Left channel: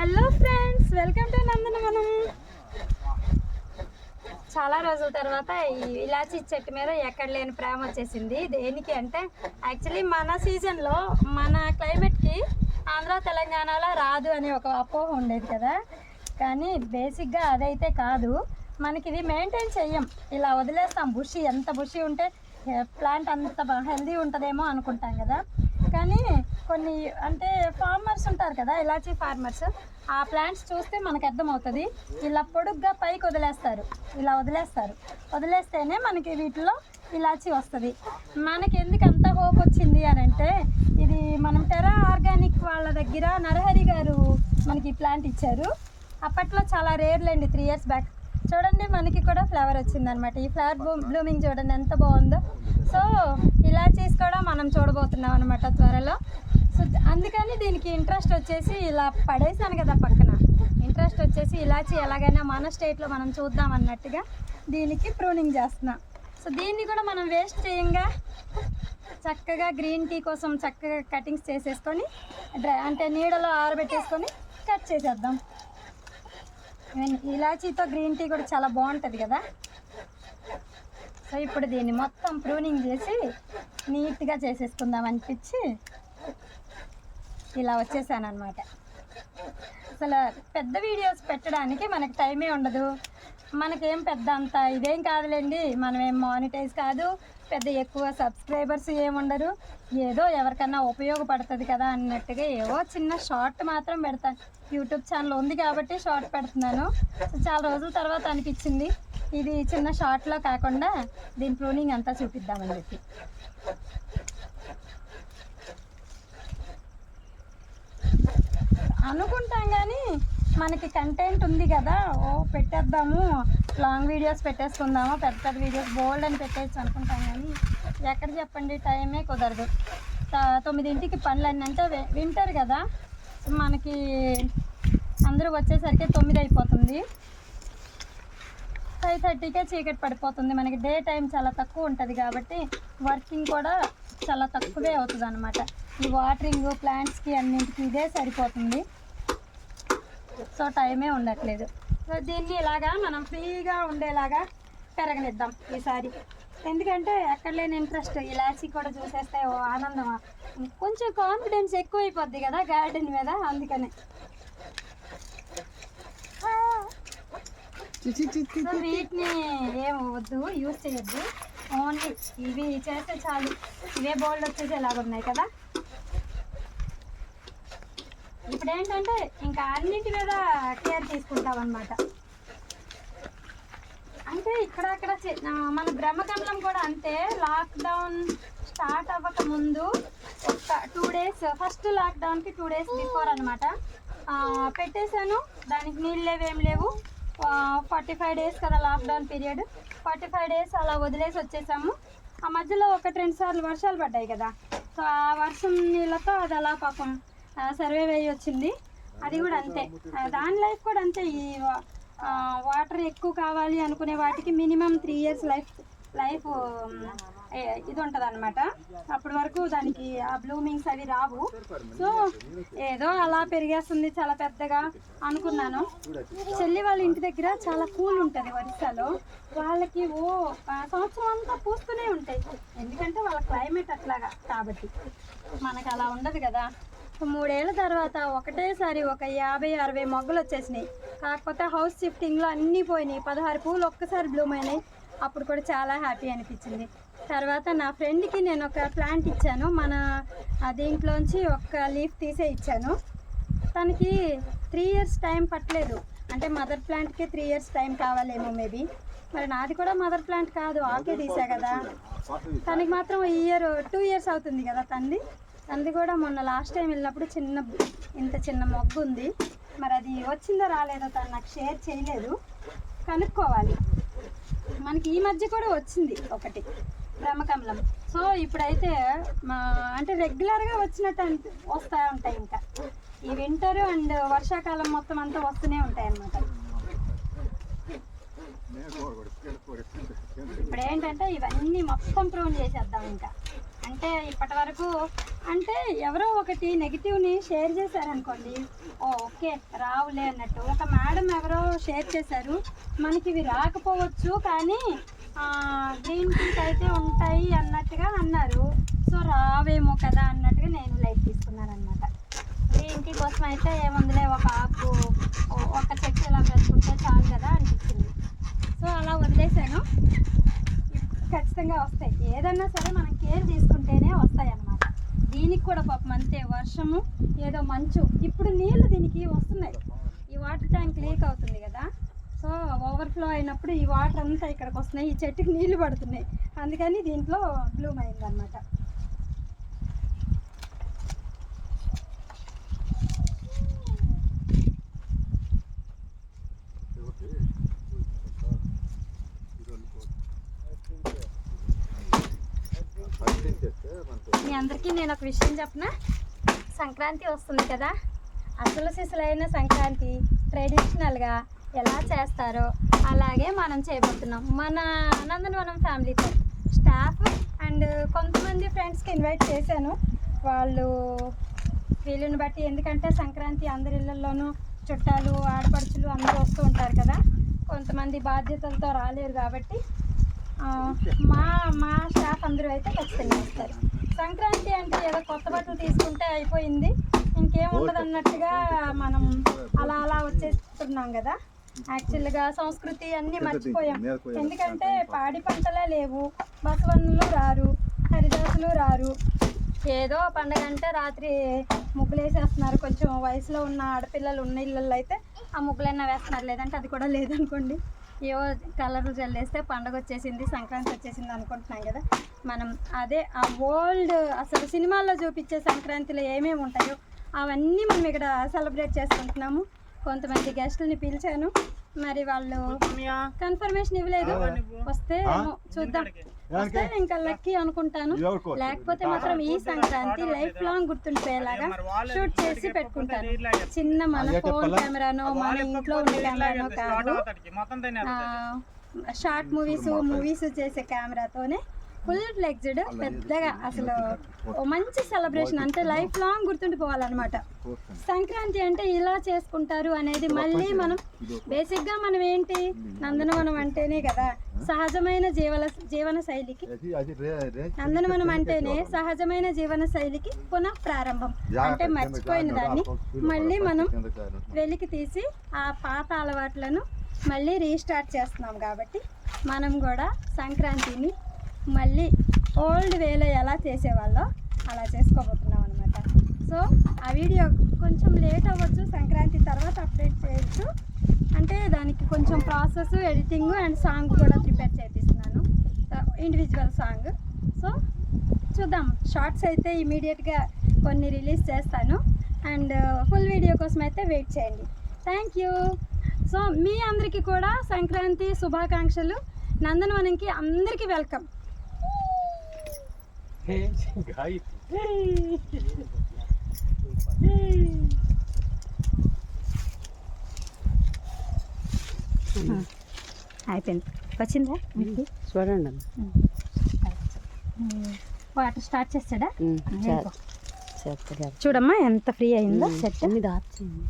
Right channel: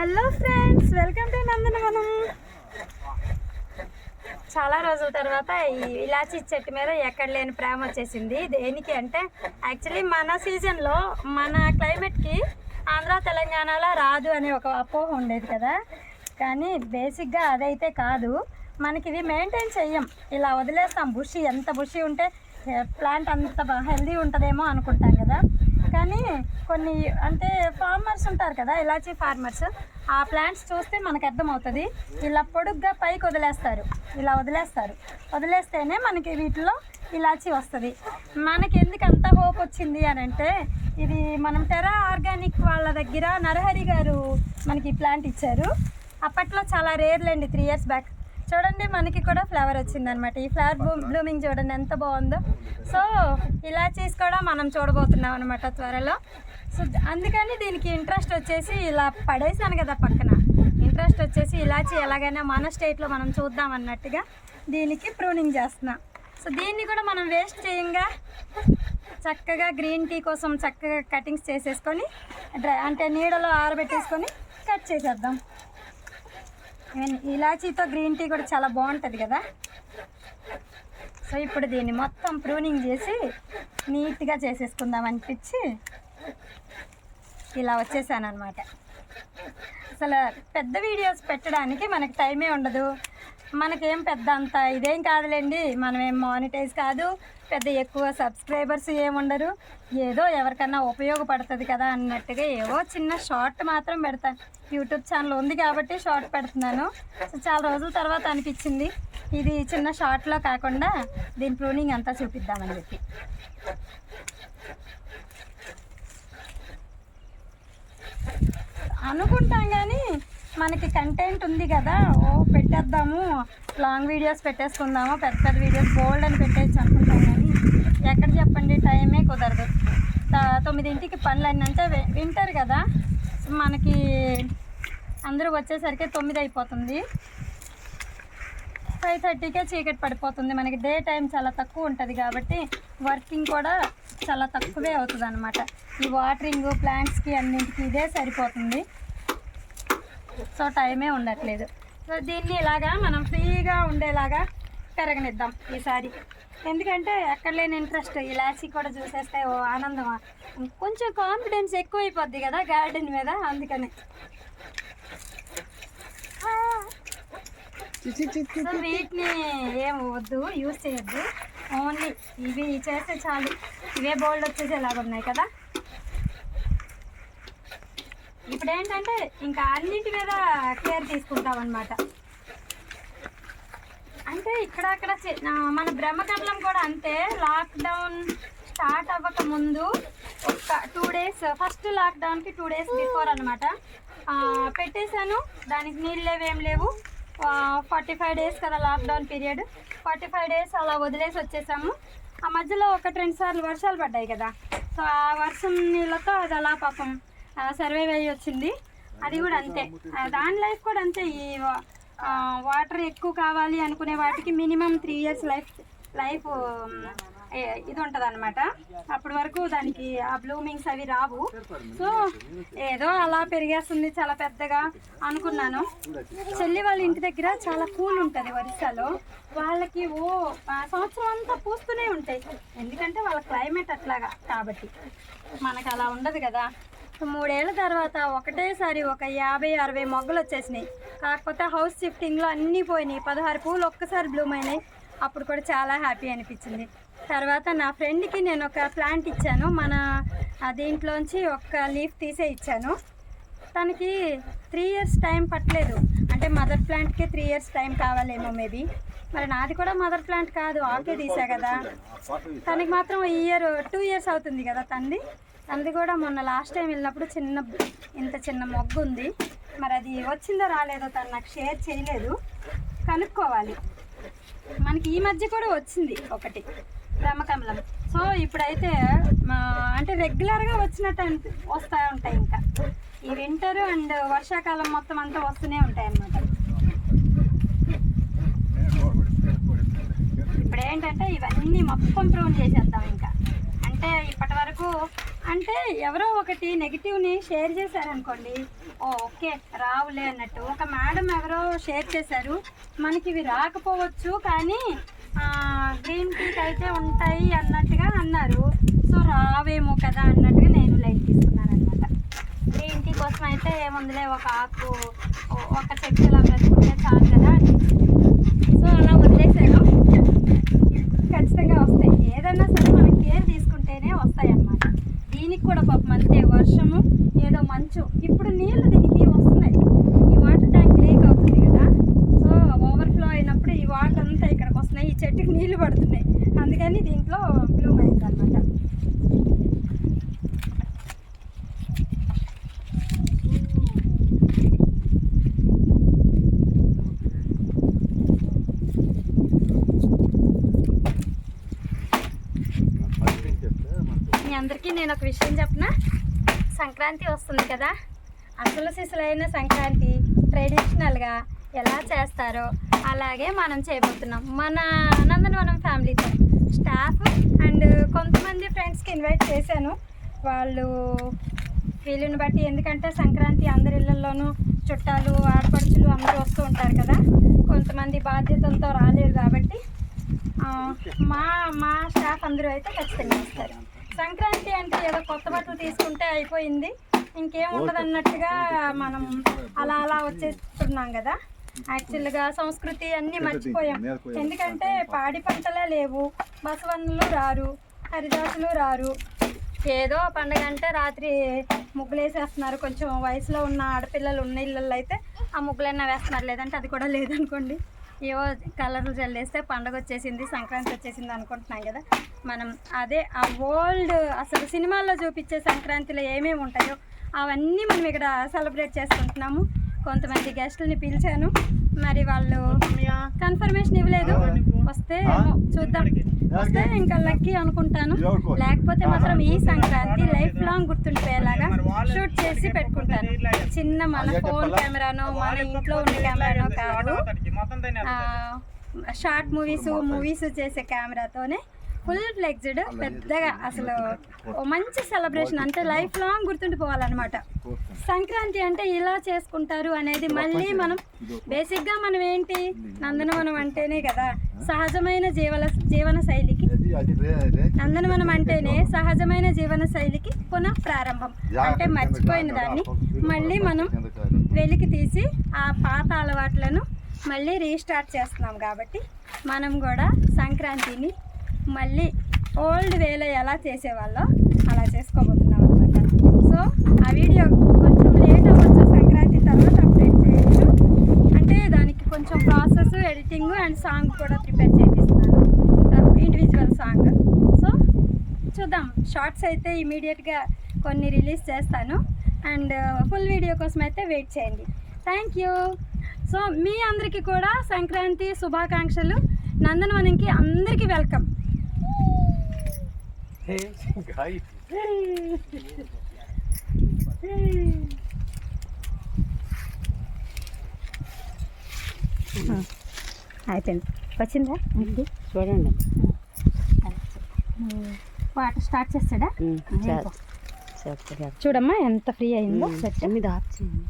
Hello friends, welcome to నందనవనం. చాలా రోజుల తర్వాత ఈ ఇలాచీ చెట్టు మీద ఎక్కడ లేని ప్రేమ వచ్చేసింది. దేనికి అంటే యాక్చువల్లీ మన సీజన్లో మన క్లైమేట్కి ఆంధ్ర తెలంగాణలో రాదు అనే ఒక అపోహ ఉండేది కదా. కానీ బేసిక్గా అదైతే కాదు. మనకి ఇది మెయింటైన్ చెయ్యం, ఇలా వదిలేస్తాం. బుషి ఎంత బుషి ఉంటే ప్లాంట్ అంత హెల్దీ ఉంటుందేమో అనుకుంటాం కదా. కానీ కొన్ని అంటే ఫార్మర్స్ ఉంటారు కదా, ఇలాచీ ఫార్మర్స్, ఆ ప్లాంట్స్ చూస్తే మనకు అర్థమవుతుంది. ఇలా పొడుగ్గా పైకి వదిలేస్తారు, ఇలా వదిలేస్తేనే మనకి వీటిలో ఇలాచీ వస్తుంది. మనకి ఎందుకు అంత హోప్ వచ్చింది అని అంటే, ఇది మనం టెరా ఆర్గానిక్ వాళ్ళ దగ్గర నరహరి గారు మనకి ఈ ప్లాంట్ ఇచ్చారు. అప్పట్లో చాలా రేర్లేండి, 3 years బ్యాక్. చూడండి, మనకి కూడా ఫ్లవర్ వచ్చిందనమాట. ఈ ఫ్లవర్ బ్లూమింగ్ చూడండి ఎంత బాగుందో. సో ఇలాచీస్ కూడా మనం చూడబోతున్నాం అనమాట త్వరలో. సో అందుకని దీనికి ఇంట్రెస్ట్ వచ్చేసి ఇలా పడేసాను కదా పక్కన, ఇంట్రెస్ట్ వచ్చేసి ఇలాచీ ఎలాగైనా మన స్టేట్లో మనం చూద్దాం అన్నట్టుగా దీనికి ప్రూనింగ్ చేస్తున్నా. సో దీన్ని కూడా మనం వేస్ట్ చేయంగా చక్కగా గ్రీన్ టీ కోసం చక్కగా కటింగ్స్ చేసేసుకొని అంటే నీడలో ఆరబెట్టేసుకొని కట్ చేసేద్దాం. ఇలాచీతో గ్రీన్ టీ కూడా చాలా బాగుంటుంది కదా. సో ఇప్పుడు దీన్ని మొత్తం ప్రూనింగ్ చేసి నీట్గా చేసేసుకుందాం అనిపించి ఇలా వచ్చేసాను అనమాట. అసలు పెద్ద వీడియోస్ పెట్టడానికి మనకి టైమే ఉండదు. మనకేం పెద్ద అంత ఇదేం కాదులేండి, మనమేం మానిటైజ్ కాదు, పెద్ద ఎక్కువ సబ్స్క్రైబర్స్ ఏముండరు. ఏదో ఎవరికన్నా ఉపయోగపడుతుంది కదా అన్నట్టుగా ఏవో చిన్న షార్ట్ మాత్రం పెడతాను. యూట్యూబ్ ఛానల్ ఉంది కాబట్టి షార్ట్ పెడుతున్నాను. చాలా రోజుల తర్వాత అనిపించింది ఇది చిన్న షార్ట్లో కాకుండా దీని ప్రూనింగ్ అంతా చూపిద్దామని చెప్పి. అనుకుంటాం కానీ మనకి కంటెంట్ ఉంది కదా, పెట్టేద్దాము, లాంగ్ వీడియోస్ పెట్టేసుకుందాము, పెద్ద పెద్ద వీడియోస్ బోల్డ్ అని పెట్టేసి అనుకుంటాం. కానీ ఎక్కడ చెప్పండి, టైమే కుదరదు. 9ంటికి పనులన్నీ అంటే వింటర్ కదా, మనకి అందరూ వచ్చేసరికి 9 అయిపోతుంది. 5:30కే చీకటి పడిపోతుంది. మనకి డే టైం చాలా తక్కువ ఉంటుంది కాబట్టి వర్కింగ్ కూడా చాలా తక్కువే అవుతుంది అనమాట. ఈ వాటరింగ్ ప్లాంట్స్కి అన్నింటికి ఇదే సరిపోతుంది. సో టైమే ఉండట్లేదు. సో దీన్ని ఇలాగా మనం ఫ్రీగా ఉండేలాగా పెరగనిద్దాం ఈసారి. ఎందుకంటే ఎక్కడ లేని ఇంట్రెస్ట్ ఇలాచీ కూడా చూసేస్తే ఓ ఆనందం, కొంచెం కాన్ఫిడెన్స్ ఎక్కువైపోద్ది కదా గార్డెన్ మీద. అందుకనే సో వీటిని ఏం వద్దు, యూజ్ చేయొద్దు, ఓన్లీ ఇవి చేస్తే చాలు. ఇవే బోల్డ్ వచ్చేసేలాగా ఉన్నాయి కదా. ఇప్పుడు ఏంటంటే ఇంకా అన్నింటి మీద కేర్ తీసుకుంటాం అన్నమాట. అంటే ఇక్కడక్కడ మన బ్రహ్మకమలం కూడా అంతే. లాక్డౌన్ స్టార్ట్ అవ్వక ముందు ఒక 2 days, ఫస్ట్ లాక్డౌన్కి 2 days బిఫోర్ అనమాట పెట్టేశాను. దానికి నీళ్ళు ఏం లేవు. 45 days కదా లాక్డౌన్ పీరియడ్. 45 days అలా వదిలేసి వచ్చేసాము. ఆ మధ్యలో 1-2 సార్లు వర్షాలు పడ్డాయి కదా. సో ఆ వర్షం నీళ్ళతో అది అలా పాపం సర్వైవ్ అయ్యి వచ్చింది. అది కూడా అంతే, దాని లైఫ్ కూడా అంతే. ఈ వాటర్ ఎక్కువ కావాలి అనుకునే వాటికి మినిమం 3 years లైఫ్ ఇది ఉంటుంది అనమాట. అప్పటి వరకు దానికి ఆ బ్లూమింగ్స్ అవి రావు. సో ఏదో అలా పెరిగేస్తుంది చాలా పెద్దగా అనుకున్నాను. చెల్లి వాళ్ళ ఇంటి దగ్గర చాలా కూల్ ఉంటుంది ఒరిస్సాలో. వాళ్ళకి సంవత్సరం అంతా పూస్తూనే ఉంటాయి, ఎందుకంటే వాళ్ళ క్లైమేట్ అట్లాగా కాబట్టి. మనకు అలా ఉండదు కదా. 3 ఏళ్ల తర్వాత ఒకటేసారి ఒక 50-60 మొగ్గలు వచ్చేసినాయి. కాకపోతే హౌస్ షిఫ్టింగ్లో అన్నీ పోయినాయి. 16 పూలు ఒక్కసారి బ్లూమ్ అయినాయి. అప్పుడు కూడా చాలా హ్యాపీ అనిపించింది. తర్వాత నా ఫ్రెండ్కి నేను ఒక ప్లాంట్ ఇచ్చాను. మన దీంట్లోంచి ఒక లీఫ్ తీసే ఇచ్చాను. తనకి 3 years టైం పట్టలేదు. అంటే మదర్ ప్లాంట్కి 3 years టైం కావాలేమో మేబీ. మరి నాది కూడా మదర్ ప్లాంట్ కాదు, ఆకే తీసా కదా. తనకి మాత్రం 2 years అవుతుంది కదా తనది కూడా. మొన్న లాస్ట్ టైం వెళ్ళినప్పుడు ఇంత చిన్న మొగ్గు ఉంది. మరి అది వచ్చిందో రాలేదో తను నాకు షేర్ చేయలేదు, కనుక్కోవాలి. మనకి ఈ మధ్య కూడా వచ్చింది ఒకటి బ్రహ్మకమలం. సో ఇప్పుడైతే అంటే రెగ్యులర్గా వచ్చినట్టు వస్తూ ఉంటాయి. ఇంకా ఈ వింటర్ అండ్ వర్షాకాలం మొత్తం అంతా వస్తూనే ఉంటాయి అన్నమాట. ఇప్పుడు ఏంటంటే ఇవన్నీ మొత్తం ప్రూన్ చేసేద్దాం ఇంకా. అంటే ఇప్పటి వరకు అంటే ఎవరో ఒకటి నెగిటివ్ని షేర్ చేశారనుకోండి, ఓకే రావులే అన్నట్టు. ఒక మేడం ఎవరో షేర్ చేశారు, మనకి ఇవి రాకపోవచ్చు కానీ గ్రీన్ టీకి అయితే ఉంటాయి అన్నట్టుగా అన్నారు. సో రావేమో కదా అన్నట్టుగా నేను లైట్ తీసుకున్నాను అనమాట. గ్రీన్ టీ కోసం అయితే ఏముందిలే, ఒక ఆకు ఒక చెట్టు ఇలా పెట్టుకుంటే చాలు కదా అని. సో అలా వదిలేసాను. ఖచ్చితంగా వస్తాయి, ఏదన్నా సరే మనం కేర్ తీసుకుంటేనే వస్తాయి అన్నమాట. దీనికి కూడా పాపం అంతే, వర్షము ఏదో మంచు, ఇప్పుడు నీళ్ళు దీనికి వస్తున్నాయి. ఈ వాటర్ ట్యాంక్ లీక్ అవుతుంది కదా, సో ఓవర్ఫ్లో అయినప్పుడు ఈ వాటర్ అంతా ఇక్కడికి వస్తున్నాయి, ఈ చెట్టుకి నీళ్లు పడుతున్నాయి, అందుకని దీంట్లో బ్లూమ్ అయింది అనమాట. మీ అందరికీ నేను ఒక విషయం చెప్పనా, సంక్రాంతి వస్తుంది కదా, అసలు సిసలైన సంక్రాంతి ట్రెడిషనల్గా ఎలా చేస్తారో అలాగే మనం చేయబోతున్నాం. మన నందనవనం ఫ్యామిలీతో స్టాఫ్ అండ్ కొంతమంది ఫ్రెండ్స్కి ఇన్వైట్ చేశాను. వాళ్ళు వీళ్ళని బట్టి, ఎందుకంటే సంక్రాంతి అందరి ఇళ్ళల్లోనూ చుట్టాలు ఆడపడుచులు అందరూ వస్తూ ఉంటారు కదా, కొంతమంది బాధ్యతలతో రాలేరు కాబట్టి మా స్టాఫ్ అందరూ అయితే ఖచ్చితంగా వస్తారు. సంక్రాంతి అంటే ఏదో కొత్త బట్టలు తీసుకుంటే అయిపోయింది, ఇంకేం ఉండదు అన్నట్టుగా మనం అలా వచ్చేస్తున్నాం కదా. యాక్చువల్గా సంస్కృతి అన్నీ మర్చిపోయాం. ఎందుకంటే పాడి పంటలే లేవు, బసవన్నులు రారు, హరిదాసులు రారు. ఏదో పండగ అంటే రాత్రి ముగ్గులు వేసేస్తున్నారు. కొంచెం వయసులో ఉన్న ఆడపిల్లలు ఉన్న ఇళ్ళల్లో అయితే ఆ ముగ్గులైనా వేస్తున్నారు, లేదంటే అది కూడా లేదనుకోండి. ఏవో కలర్లు చల్లేస్తే పండగ వచ్చేసింది, సంక్రాంతి వచ్చేసింది అనుకుంటున్నాం కదా. మనం అదే ఆ ఓల్డ్ అసలు సినిమాల్లో చూపించే సంక్రాంతిలో ఏమేమి ఉంటాయో అవన్నీ మనం ఇక్కడ సెలబ్రేట్ చేసుకుంటున్నాము. కొంతమంది గెస్టులని పిలిచాను, మరి వాళ్ళు కన్ఫర్మేషన్ ఇవ్వలేదు. వస్తే చూద్దాం, వస్తే ఇంకా లక్కీ అనుకుంటాను, లేకపోతే మాత్రం ఈ సంక్రాంతి లైఫ్ లాంగ్ గుర్తుండిపోయేలాగా షూట్ చేసి పెట్టుకుంటాను. చిన్న మన ఫోన్ కెమెరానో మన ఇంట్లో ఉన్న కెమెరానో కాదు, షార్ట్ మూవీస్ చేసే కెమెరాతోనే ఫుల్ ఫ్లెక్స్డ్ పెద్దగా అసలు మంచి సెలబ్రేషన్, అంటే లైఫ్ లాంగ్ గుర్తుండిపోవాలన్నమాట. సంక్రాంతి అంటే ఇలా చేసుకుంటారు అనేది మళ్ళీ మనం బేసిక్గా మనం ఏంటి, నందనవనం అంటేనే కదా సహజమైన జీవన శైలికి, నందనవనం అంటేనే సహజమైన జీవన శైలికి పునః ప్రారంభం. అంటే మర్చిపోయిన దాన్ని మళ్ళీ మనం వెలికి తీసి ఆ పాత అలవాట్లను మళ్ళీ రీస్టార్ట్ చేస్తున్నాం. కాబట్టి మనం కూడా సంక్రాంతిని మళ్ళీ ఓల్డ్ వేలో ఎలా చేసేవాళ్ళో అలా చేసుకోబోతున్నాం అనమాట. సో ఆ వీడియో కొంచెం లేట్ అవ్వచ్చు, సంక్రాంతి తర్వాత అప్డేట్ చేయొచ్చు. అంటే దానికి కొంచెం ప్రాసెస్, ఎడిటింగ్ అండ్ సాంగ్ కూడా ప్రిపేర్ చేపిస్తున్నాను, ఇండివిజువల్ సాంగ్. సో చూద్దాం, షార్ట్స్ అయితే ఇమీడియట్గా కొన్ని రిలీజ్ చేస్తాను, అండ్ ఫుల్ వీడియో కోసం అయితే వెయిట్ చేయండి. Thank you. సో మీ అందరికీ కూడా సంక్రాంతి శుభాకాంక్షలు. నందనవనంకి అందరికీ వెల్కమ్. అయిపోయింది, వచ్చిందా చూడండి. వాటర్ స్టార్ట్ చేస్తాడా? చూడమ్మా ఎంత ఫ్రీ అయిందో. చెట్టు మీద ఆఫ్ చేయండి.